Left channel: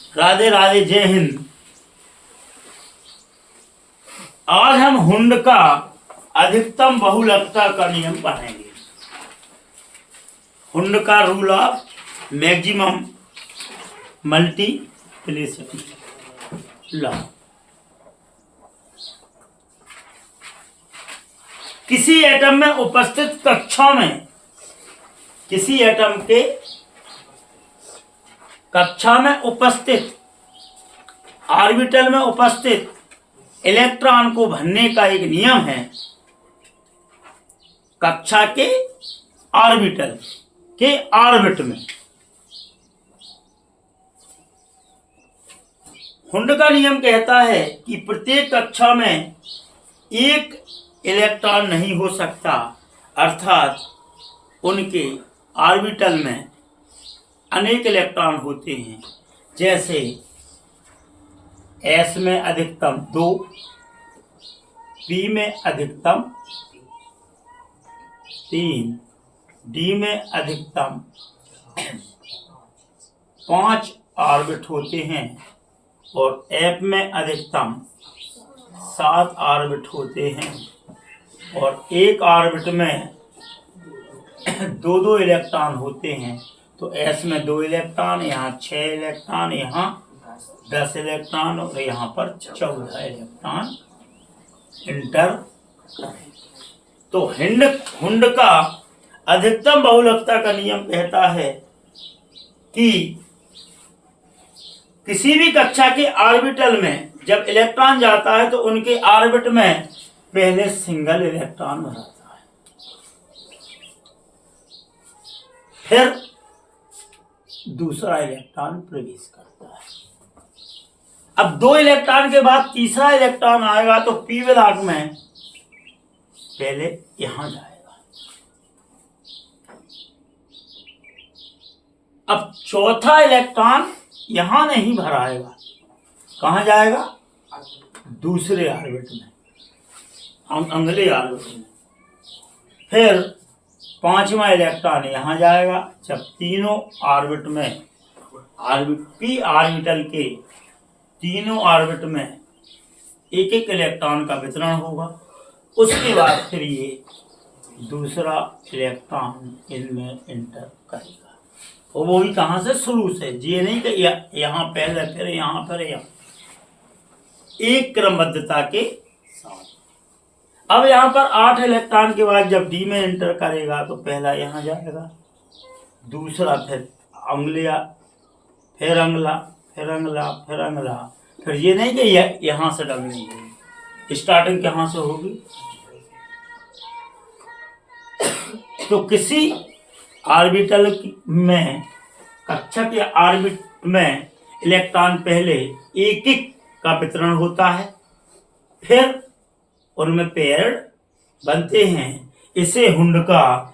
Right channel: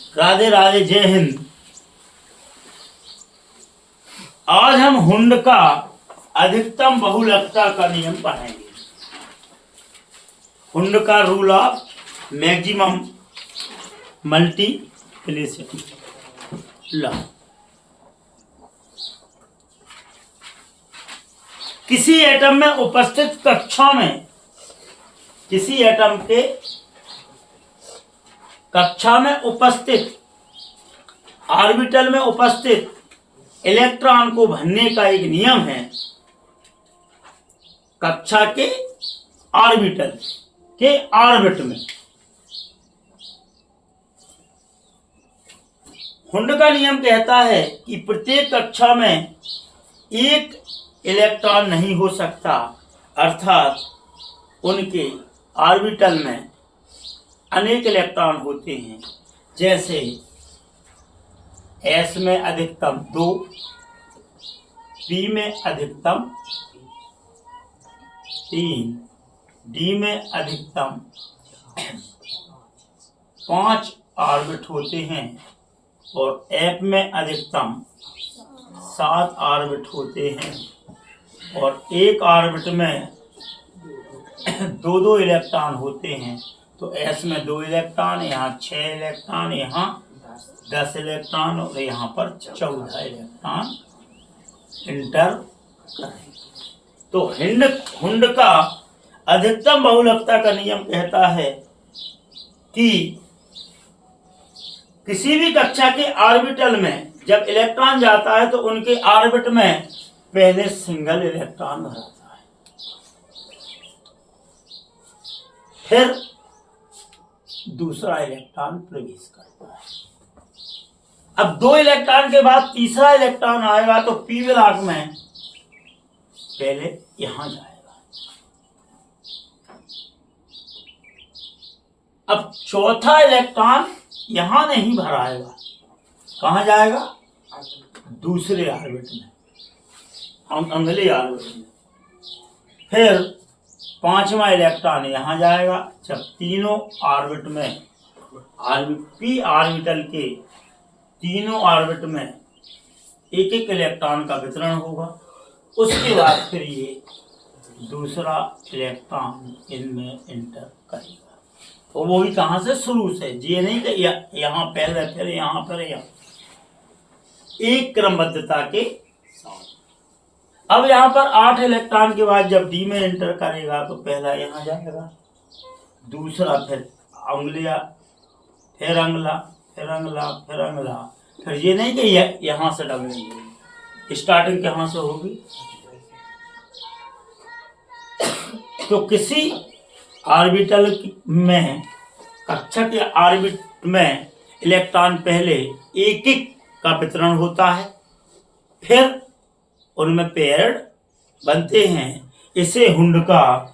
राधे राधे, जय हिंद। आज हम हुंड का अधिकतम बहुलकता का नियम पढ़ेंगे। हुंड का rule of maximum multiplicity law. किसी एटम में उपस्थित कक्षाओं में, किसी एटम के कक्षा में उपस्थित, ऑर्बिटल में उपस्थित इलेक्ट्रॉन को भरने का एक नियम है। कक्षा के ऑर्बिटल के ऑर्बिट में हुंड का नियम कहता है कि प्रत्येक कक्षा में एक इलेक्ट्रॉन नहीं हो सकता, अर्थात उनके ऑर्बिटल में अनेक इलेक्ट्रॉन होते हैं। जैसे S में अधिकतम 2, P में अधिकतम 3, D में अधिकतम 5 ऑर्बिट होते हैं और F में अधिकतम 7 ऑर्बिट होते हैं। और एक ऑर्बिट में 2-2 इलेक्ट्रॉन होते हैं। तो S में 2 इलेक्ट्रॉन, यहाँ 6 इलेक्ट्रॉन, यहाँ 10 इलेक्ट्रॉन और यहाँ पर 14 इलेक्ट्रॉन इंटर करें। तो हुंड का अधिकतम बहुलकता का नियम कहता है कि किसी भी कक्षा के ऑर्बिटल में जब इलेक्ट्रॉन जाता है तो उनके ऑर्बिट में पहले सिंगल इलेक्ट्रॉन रहता है, फिर दूसरा इलेक्ट्रॉन प्रवेश करता है। अब 2 इलेक्ट्रॉन के बाद तीसरा इलेक्ट्रॉन आएगा तो पी ब्लॉक में पहले यहां जाएगा। अब चौथा इलेक्ट्रॉन यहां नहीं भराएगा, कहां जाएगा? दूसरे ऑर्बिट में, अगले ऑर्बिट में। फिर 5वां इलेक्ट्रॉन यहां जाएगा। जब तीनों ऑर्बिट में पी ऑर्बिटल के तीनों ऑर्बिट में एक एक इलेक्ट्रॉन का वितरण होगा, उसके बाद फिर ये दूसरा इलेक्ट्रॉन इनमें इंटर करेगा। और वो भी कहां से? शुरू से। ये नहीं कि यहाँ पहले फिर यहाँ फिर यहाँ, एक क्रमबद्धता के साथ। अब यहाँ पर 8 इलेक्ट्रॉन के बाद जब डी में एंटर करेगा तो पहला यहाँ जाएगा, दूसरा फिर अंगुलिया, फिर अंगला, फिर अंगला, फिर अंगला। फिर ये नहीं कि यहाँ से डबलिंग, स्टार्टिंग कहाँ से होगी? तो किसी ऑर्बिटल में, कक्षा के ऑर्बिट में इलेक्ट्रॉन पहले एक एक का वितरण होता है, फिर उनमें पेयर्ड बनते हैं। इसे हुंड का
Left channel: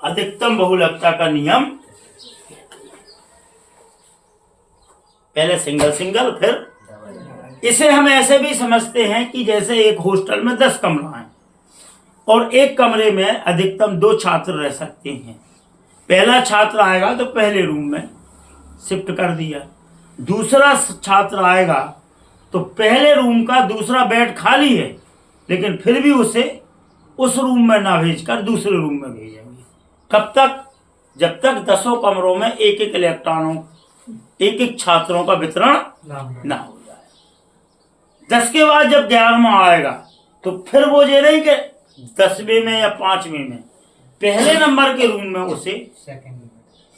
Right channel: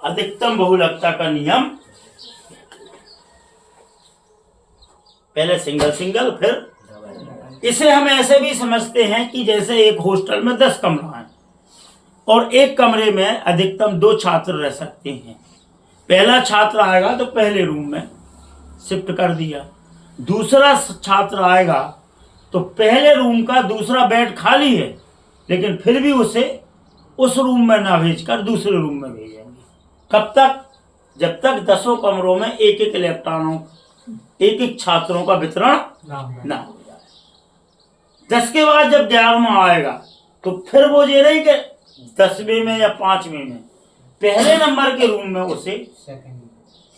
अधिकतम बहुलकता का नियम। पहले सिंगल सिंगल, फिर इसे हम ऐसे भी समझते हैं कि जैसे एक हॉस्टल में 10 कमरा है और एक कमरे में अधिकतम 2 छात्र रह सकते हैं। पहला छात्र आएगा तो पहले रूम में शिफ्ट कर दिया, दूसरा छात्र आएगा तो पहले रूम का दूसरा बेड खाली है, लेकिन फिर भी उसे उस रूम में ना भेजकर दूसरे रूम में भेजेंगे। कब तक? जब तक 10 कमरों में एक एक इलेक्ट्रॉनों, एक एक छात्रों का वितरण ना हो जाए। 10 के बाद जब 11वां आएगा तो फिर वो ये नहीं कि 10वें में या 5वें में, पहले नंबर के रूम में उसे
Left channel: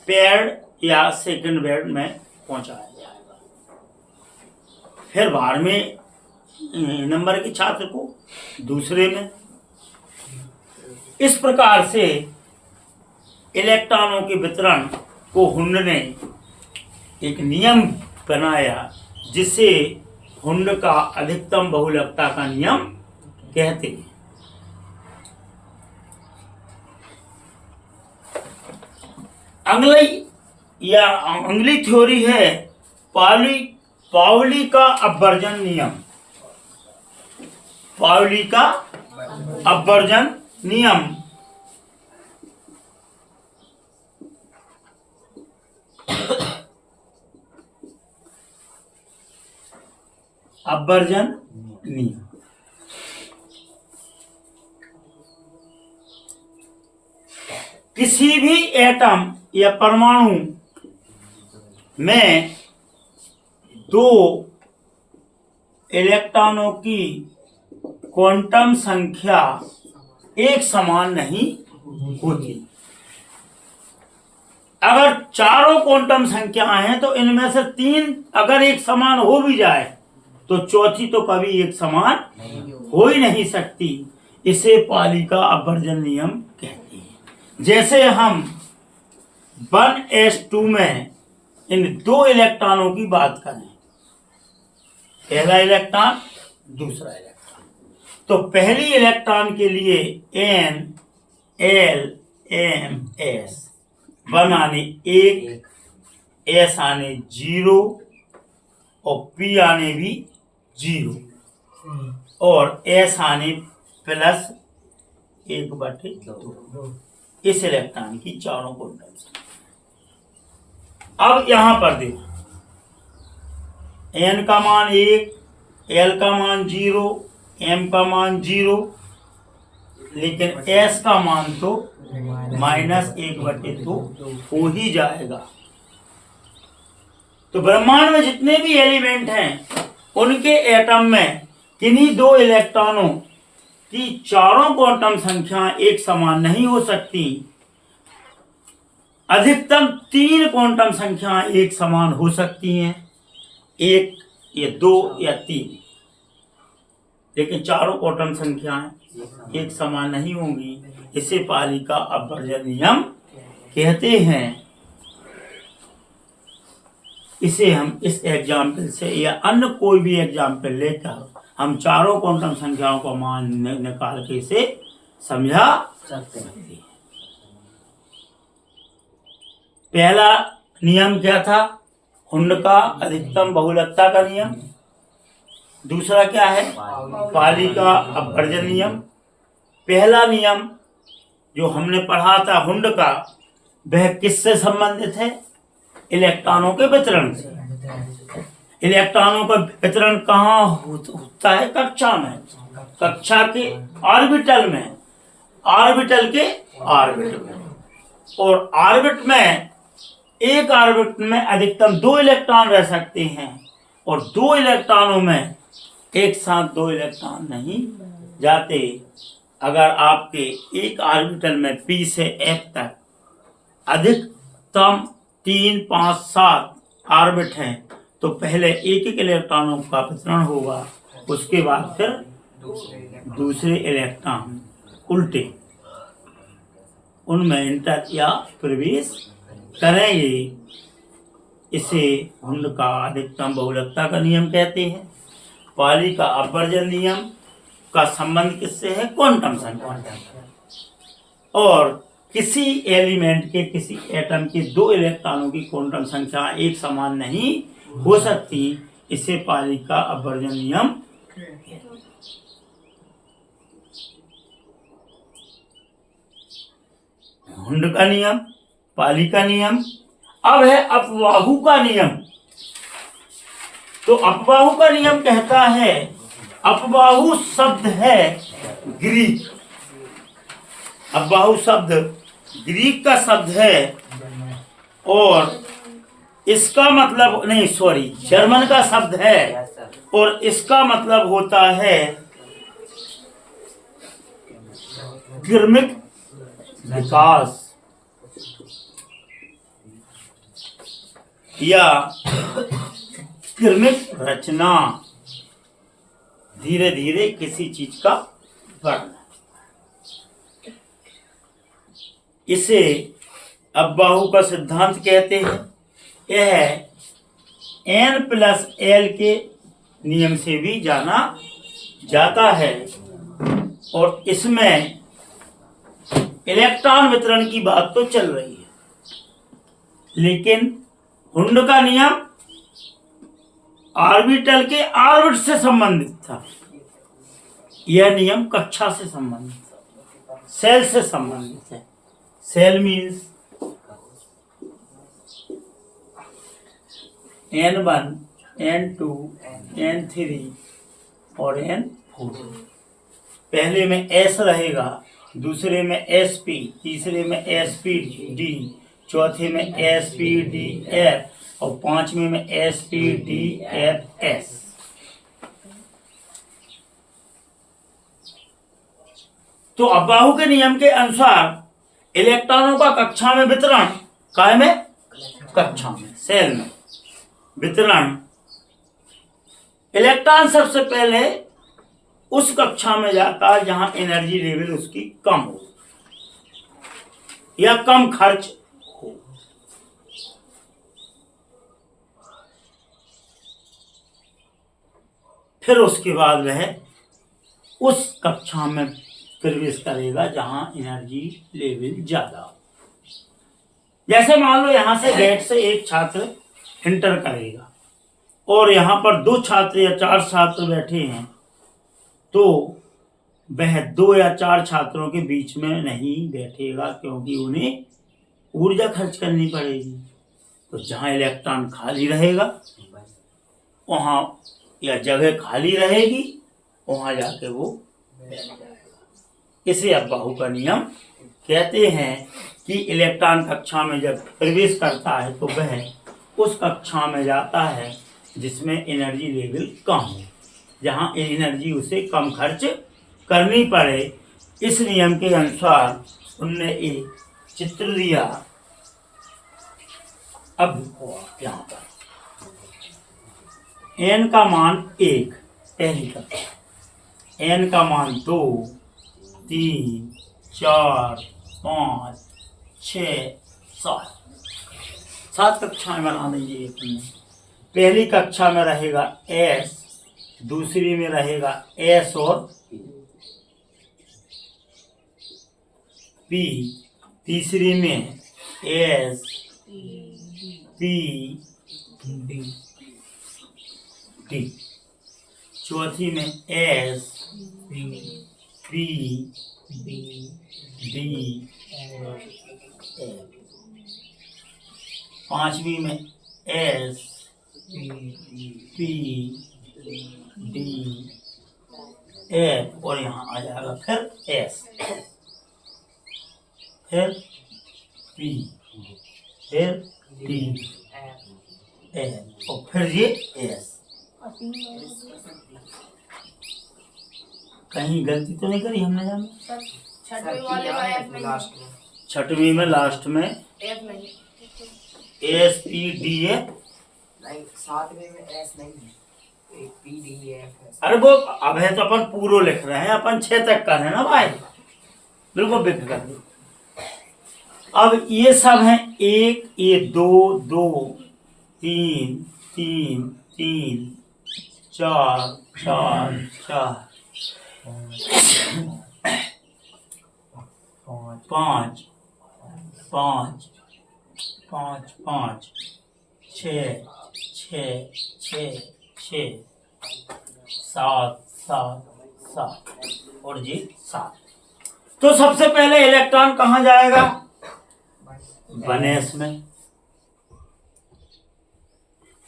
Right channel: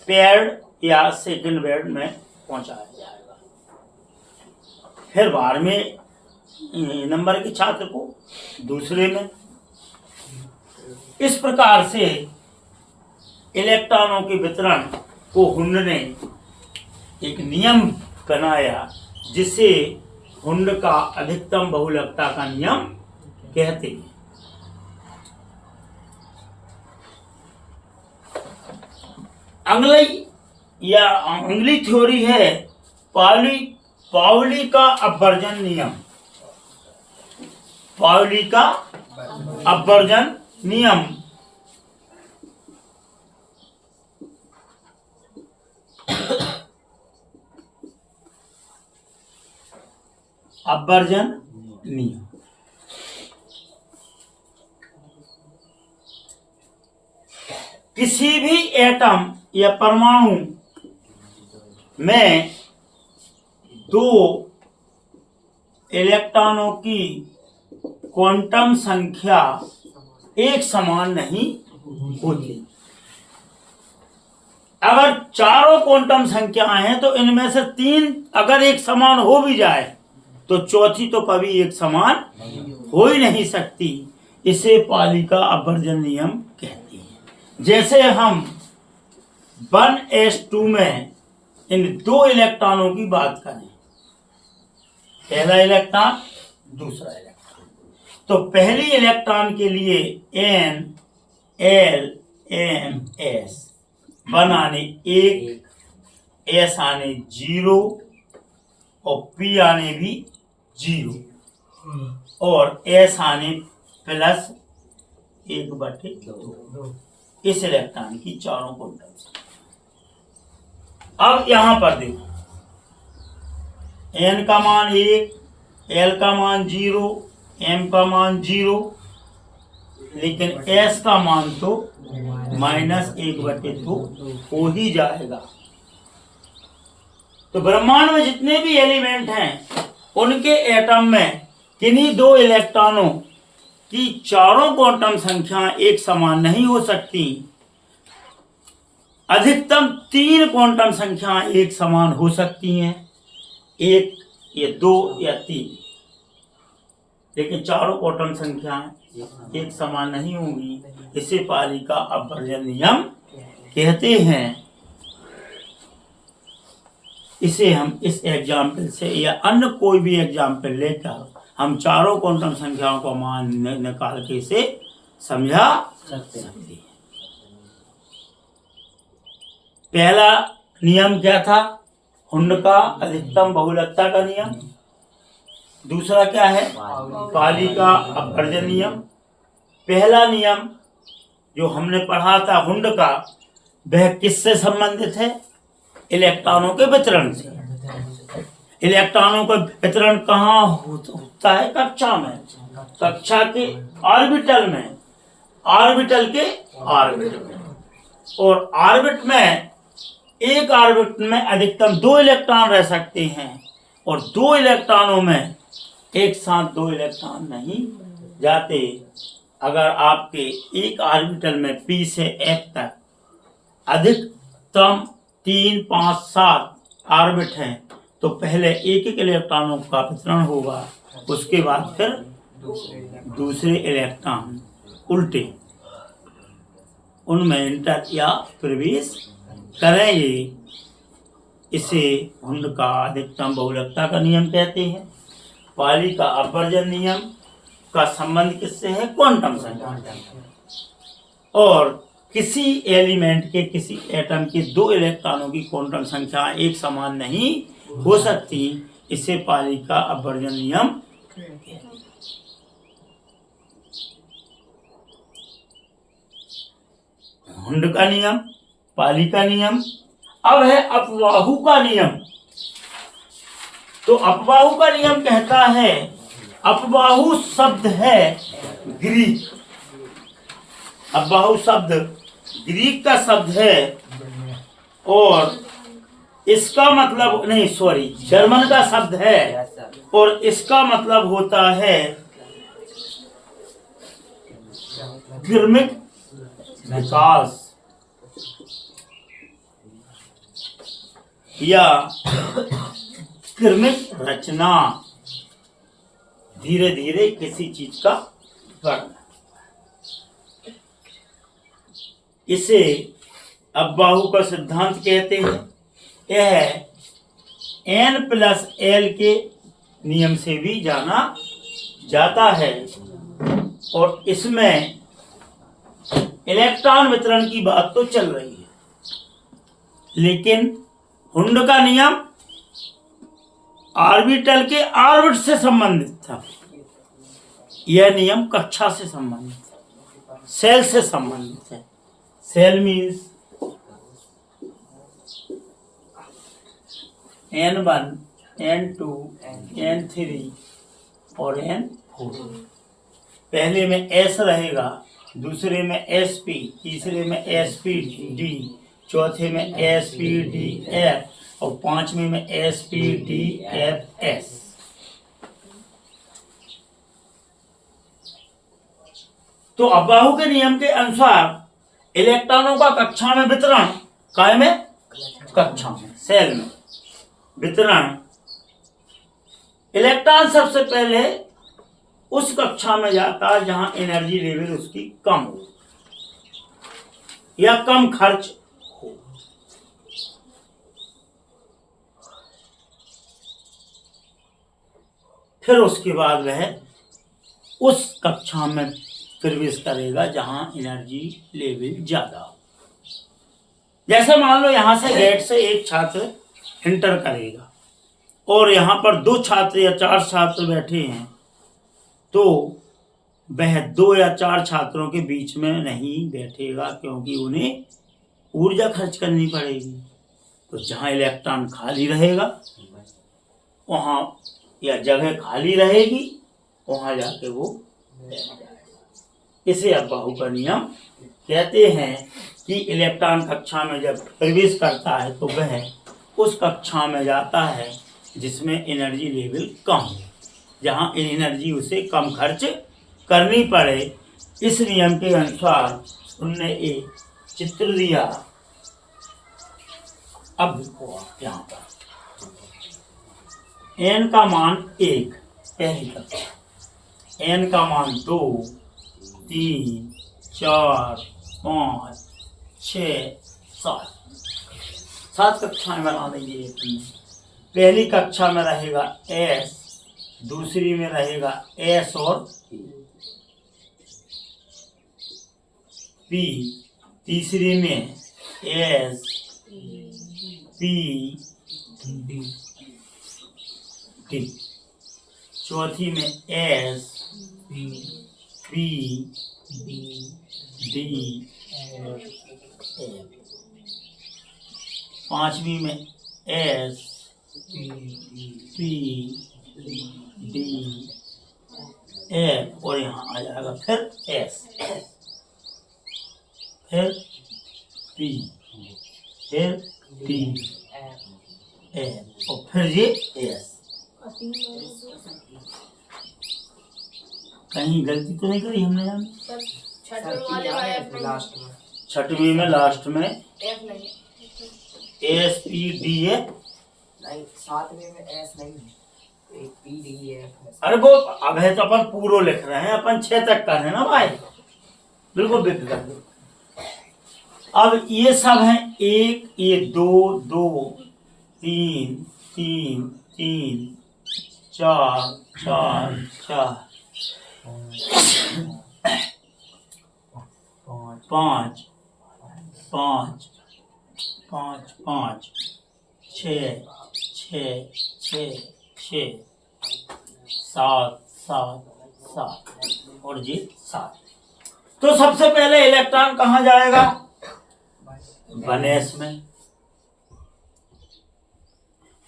पेयर्ड या सेकंड बेड में पहुंचाया जाएगा। फिर 12वें नंबर के छात्र को दूसरे में। इस प्रकार से इलेक्ट्रॉनों के वितरण को हुंड ने एक नियम बनाया, जिसे हुंड का अधिकतम बहुलकता का नियम कहते हैं। अगली थ्योरी है पाउली का अपवर्जन नियम। पाउली का अपवर्जन नियम अपवर्जन नियम। किसी भी एटम या परमाणु में दो इलेक्ट्रॉनों की क्वांटम संख्या एक समान नहीं होती। अगर चारों क्वांटम संख्याएं हैं तो इनमें से तीन अगर एक समान हो भी जाए तो चौथी तो कभी एक समान हो ही नहीं सकती। इसे पाली का अपवर्जन नियम कहते हैं। जैसे हम 1s2 में इन दो इलेक्ट्रॉनों की बात करें, पहला इलेक्ट्रॉन दूसरा इलेक्ट्रॉन, तो पहली इलेक्ट्रॉन के लिए N L M S 1 आने 1, S आने 0 और P आने भी 0 और S आने +1/2 इस इलेक्ट्रॉन की चारों क्वांटम। अब यहां पर देखो, N का मान 1, L का मान 0, M का मान 0, लेकिन S का मान तो -1/2 हो ही जाएगा। तो ब्रह्मांड में जितने भी एलिमेंट हैं उनके एटम में किन्हीं दो इलेक्ट्रॉनों की चारों क्वांटम संख्या एक समान नहीं हो सकती। अधिकतम 3 क्वांटम संख्या एक समान हो सकती हैं, 1 या 2 या 3, लेकिन चारों क्वांटम संख्याएं एक समान नहीं होंगी। इसे पाली का अपवर्जन नियम कहते हैं। इसे हम इस एग्जाम्पल से या अन्य कोई भी एग्जाम्पल लेकर हम चारों क्वांटम संख्याओं का मान निकाल के इसे समझा सकते हैं। पहला नियम क्या था? हुंड का अधिकतम बहुलकता का नियम। दूसरा क्या है? पाली का अपवर्जन नियम। पहला नियम जो हमने पढ़ा था हुंड का, वह किससे संबंधित है? इलेक्ट्रॉनों के वितरण से। इलेक्ट्रॉनों का वितरण कहाँ होता है? कक्षा में, कक्षा के ऑर्बिटल में, ऑर्बिटल के ऑर्बिट में। और ऑर्बिट में, एक ऑर्बिट में अधिकतम 2 इलेक्ट्रॉन रह सकते हैं और 2 इलेक्ट्रॉनों में एक साथ 2 इलेक्ट्रॉन नहीं जाते। अगर आपके एक ऑर्बिटल में P से F तक अधिकतम 3, 5, 7 ऑर्बिट हैं तो पहले एक इलेक्ट्रॉनों का वितरण होगा, उसके बाद फिर दूसरे इलेक्ट्रॉन उल्टे उनमें इंटर या प्रवेश करेंगे। इसे हुंड का अधिकतम बहुलकता का नियम कहते हैं। पाली का अपवर्जन नियम का संबंध किससे है? क्वांटम संख्या। और किसी एलिमेंट के, किसी एटम के 2 इलेक्ट्रॉनों की क्वांटम संख्या एक समान नहीं हो सकती। इसे पाली का अपवर्जन नियम कहते हैं। हुंड का नियम, पाली का नियम। अब है अपबाहु का नियम। तो अपबाहु का नियम कहता है, अपबाहु शब्द है ग्रीक, अपबाहु शब्द ग्रीक का शब्द है और इसका मतलब नहीं, सॉरी, जर्मन का शब्द है और इसका मतलब होता है क्रमिक विकास या क्रमिक रचना, धीरे धीरे किसी चीज का बढ़ना। इसे अपबाहु का सिद्धांत कहते हैं। यह N+L के नियम से भी जाना जाता है और इसमें इलेक्ट्रॉन वितरण की बात तो चल रही है, लेकिन हुंड का नियम ऑर्बिटल के ऑर्बिट से संबंधित था। यह नियम कक्षा से संबंधित है, सेल से संबंधित है। Cell means N1 N2 N3 और N4। पहले में S रहेगा, दूसरे में SP, तीसरे में SPD, चौथे में SPDF और पांचवें में SPDFS। तो अबाहु के नियम के अनुसार इलेक्ट्रॉनों का कक्षा में वितरण, काय में, कक्षा में, सेल में वितरण, इलेक्ट्रॉन सबसे पहले उस कक्षा में जाता है जहां एनर्जी लेवल उसकी कम हो या कम खर्च हो। फिर उसके बाद वह उस कक्षा में प्रवेश करेगा जहां एनर्जी लेवल ज्यादा हो। जैसे मान लो यहां से गेट से एक छात्र इंटर करेगा और यहां पर 2 छात्र या 4 छात्र बैठे हैं, तो वह 2 या 4 छात्रों के बीच में नहीं बैठेगा, क्योंकि उन्हें ऊर्जा खर्च करनी पड़ेगी। तो जहां इलेक्ट्रॉन खाली रहेगा वहां, या जगह खाली रहेगी वहां जाके वो बैठ जाएगा। इसे अबाहु का नियम कहते हैं कि इलेक्ट्रॉन कक्षा में जब प्रवेश करता है तो वह उस कक्षा में जाता है जिसमें एनर्जी लेवल कम हो, जहां एनर्जी उसे कम खर्च करनी पड़े। इस नियम के अनुसार उनने एक चित्र दिया। अब देखो आप यहाँ पर n का मान 1 पहली कक्षा, n का मान 2, 3, 4, 5, 6, 7 कक्षाएं बना देंगे अपन। पहली कक्षा में रहेगा S, दूसरी में रहेगा S और P, तीसरी में S, P, D, चौथी में S, P, D, F, पांचवी में S, P, D, F और यहाँ आ जाएगा फिर S, फिर P, फिर D, F और फिर ये S। कहीं गलती तो नहीं करी हमने यहाँ? छठवीं में लास्ट में SPDF नहीं, 7वें में S नहीं है, PDF। अरे वो अब है तो अपन पूरो लिख रहे हैं, अपन 6 तक कर रहे हैं ना भाई, बिल्कुल बेफिक्र। अब ये सब हैं 1, ये 2, 2, 3, 3, 3, 4, 4, 4, 5, 5, 5, 5, 6, 6, 6, 6, 7, 7, 7 और जी 7। तो सबसे पहले इलेक्ट्रॉन कहाँ जाएगा? 1s में।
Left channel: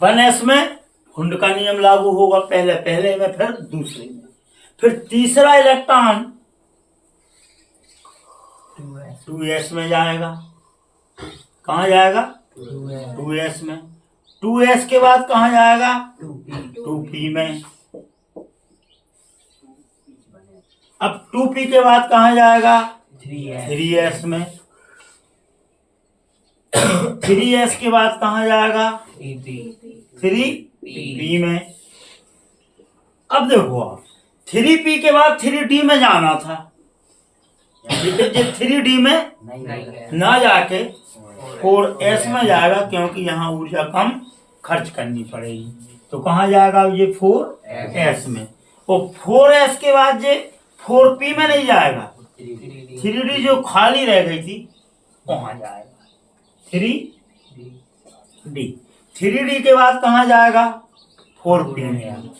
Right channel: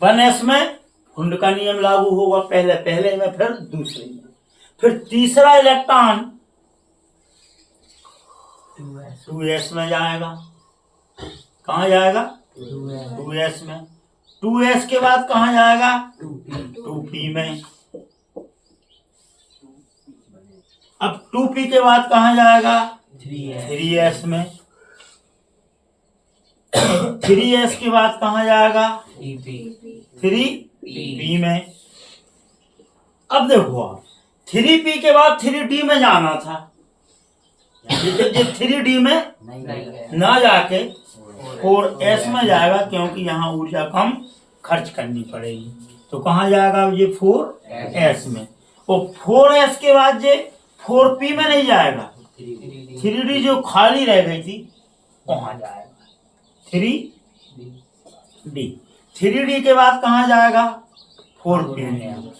1s में हुंड का नियम लागू होगा, पहले में फिर दूसरे में। फिर तीसरा इलेक्ट्रॉन 2s में जाएगा। कहाँ जाएगा? 2s में। 2s के बाद कहाँ जाएगा? 2p में। अब 2p के बाद कहाँ जाएगा? 3s में। 3s के बाद कहाँ जाएगा? 3p में। अब देखो आप 3p के बाद 3d में जाना था, 3d में ना जाके 4s में जाएगा, क्योंकि यहाँ ऊर्जा कम खर्च करनी पड़ेगी। तो कहाँ जाएगा ये? 4s में। और 4s के बाद ये 4p में नहीं जाएगा, 3d जो खाली रह गई थी वहां जाएगा 3d। 3d के बाद कहाँ जाएगा? 4p में।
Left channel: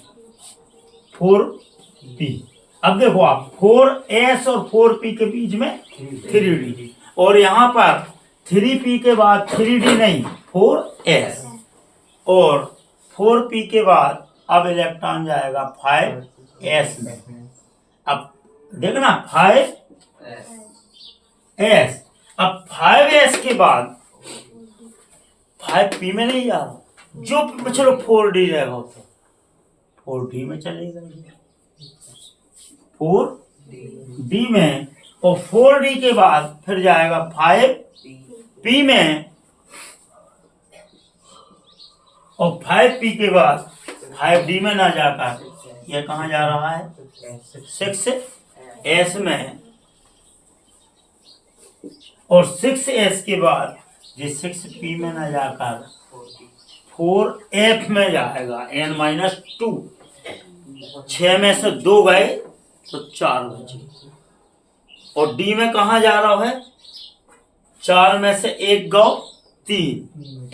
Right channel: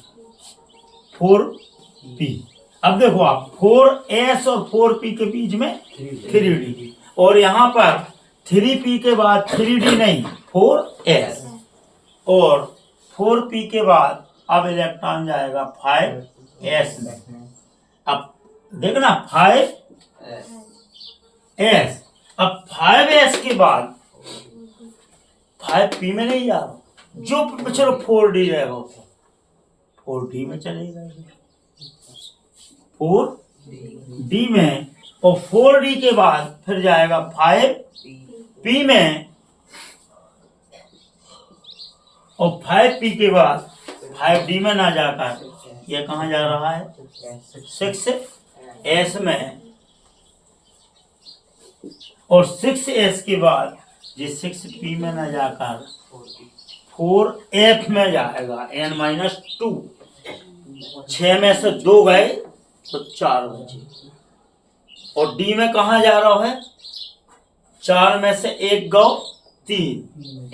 4p। अब देखो आप 4s और 4p के बीच में 3d, और यहाँ पर 3p के बाद 3d नहीं 4s, और 4p के बाद अब इलेक्ट्रॉन जाएगा 5s में। अब देखना 5s, अब 5s के बाद 5p में नहीं जा रहा, जो चलो 4d रहेगा तो 4d में चलेगा, 4d में, और 4d के बाद फिर जाएगा 5p में, और 5p के बाद 5d में ना जाकर ये कहाँ जा रहा है 6s में, और 6s के बाद ये 6p में ना जाकर 4f में जाएगा n-2। 6 में से 2 गए तो 4 बचे, और d में कहाँ जा रहा है 4 में से 1 गौ 3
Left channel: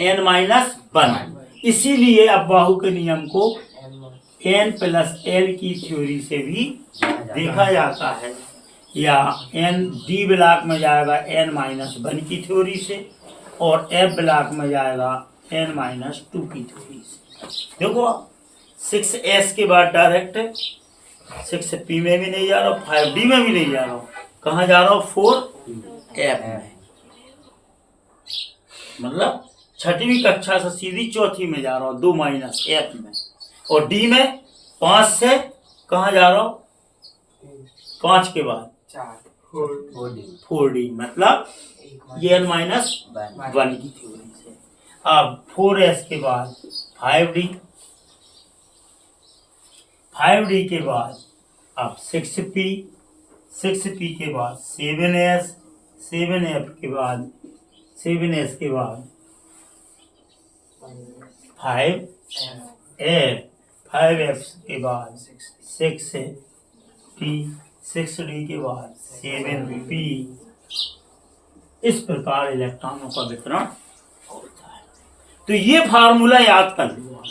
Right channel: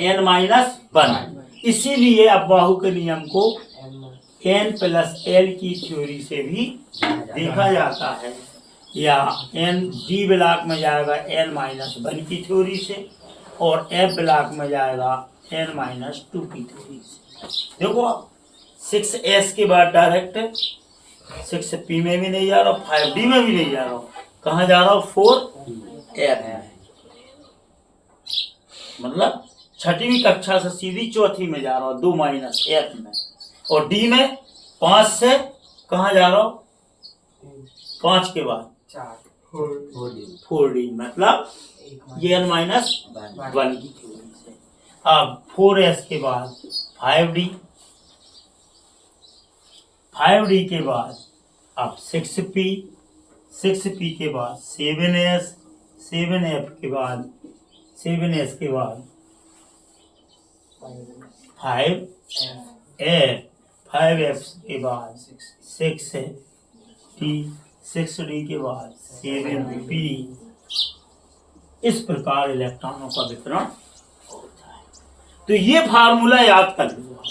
n-1। इसीलिए अब बाहु के नियम को n+l की थ्योरी से भी देखा जाता है, या d ब्लॉक में जाएगा n-1 की थ्योरी से, और f ब्लॉक में जाएगा n-2 की थ्योरी से। देखो 6s के बाद डायरेक्ट 6p में भी नहीं जा रहा, 5d में भी नहीं जा रहा, कहाँ जा रहा हूँ 4f में, मतलब छठवीं कक्षा से सीधी चौथी में जा रहा हूँ 2 -f में, और d में 5 से कहाँ जा रहा हूँ 5 के बाद 4d, मतलब ये n-1 की थ्योरी से। अब 4s के बाद 5d के बाद अब 6p के बाद 7s, 7f के बाद 7s के बाद 5f के बाद 6d के बाद 7p। इस प्रकार इलेक्ट्रॉनों का वितरण होता है। तो ये फार्मूला याद कर लो।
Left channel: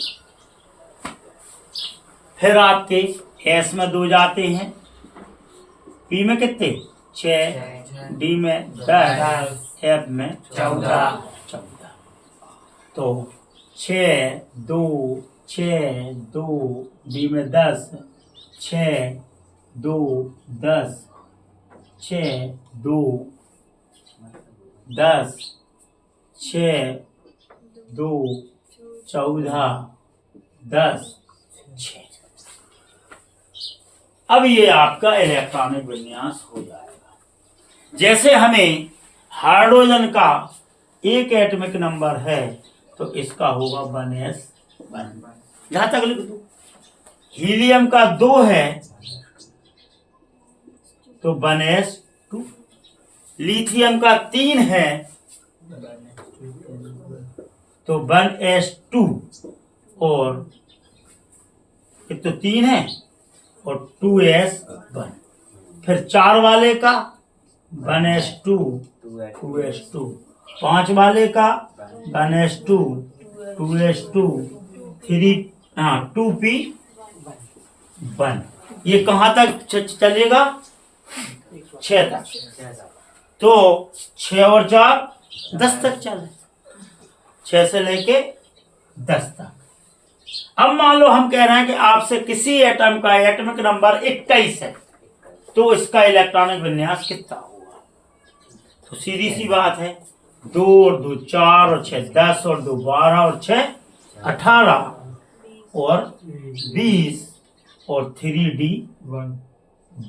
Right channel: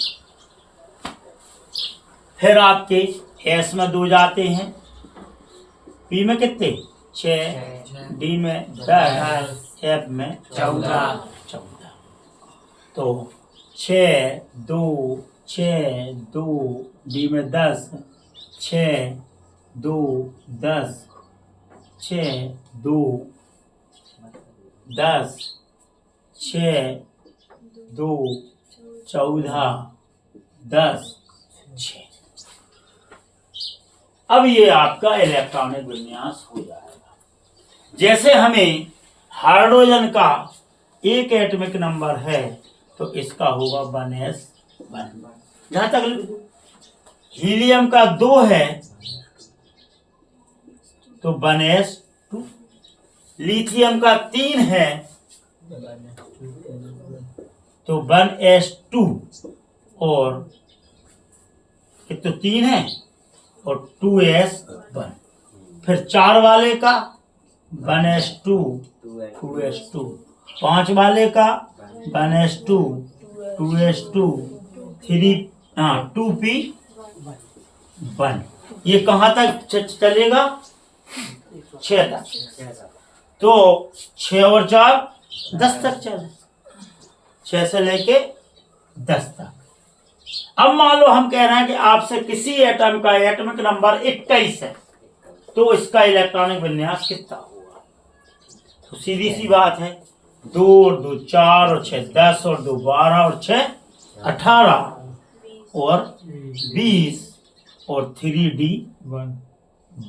फिर आपके s में 2 जाते हैं, p में कितने 6, d में 10, f में 14। तो 6 2 d में 10, 6 2 10, 6 2 10, 6 2 14 10 6। अब ये आपका इलेक्ट्रॉनिक विन्यास हो जाएगा। जैसे हमें हाइड्रोजन का एक एटॉमिक नंबर है तो इसका होगा 1s1, यहां तक लिख दो। हीलियम का 2 है तो 1s2, लिथियम का 3 है तो 1s2, और ये तो 3 है और 2s1। फिर 4 वाले का 1s2 2s2, 5 वाले का 1s2 2s2 2p1। ये कहाँ तक चलेगा 6 तक, तो 6 और 4 10 तक चले, 6 से लेके 10 तक। अब मान लो हम कह रहे हैं कि आपसे किसी एटम का एटॉमिक नंबर 21 है तो इसका इलेक्ट्रॉनिक विन्यास कितना होगा। तो सीधी सी बात है, 2 और 2 4 और 6 10 और 2 12 और 6 18 और 20 और 3d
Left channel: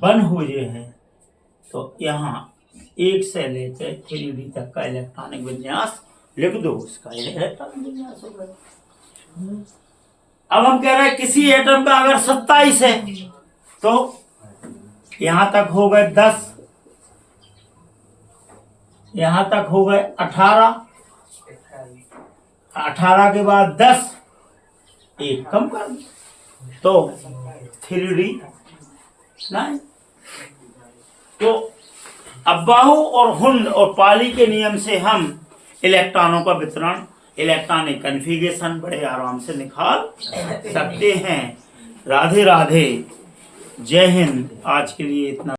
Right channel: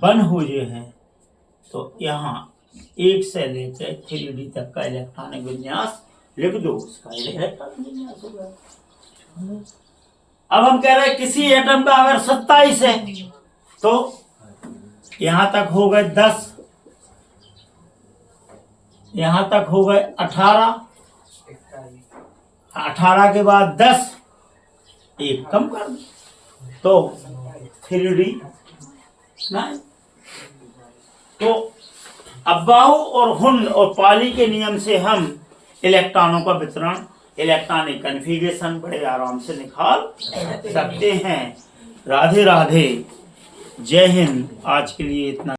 1 हो गए हैं। तो यहाँ 1 से लेकर 3d तक का इलेक्ट्रॉनिक विन्यास लिख दो, उसका इलेक्ट्रॉनिक विन्यास होगा। अब हम कह रहे हैं किसी एटम का अगर 27 है तो यहां तक हो गए 10, यहां तक हो गए 18, 18 के बाद 10, एक कम कर दो तो 3d 9। तो अब बाहु और हुंड और पाली के नियम से हम इलेक्ट्रॉनों का वितरण, इलेक्ट्रॉनिक कन्फिगरेशन बड़े आराम से निकाल सकते हैं। राधे राधे, जय हिंद। आज के लिए इतना।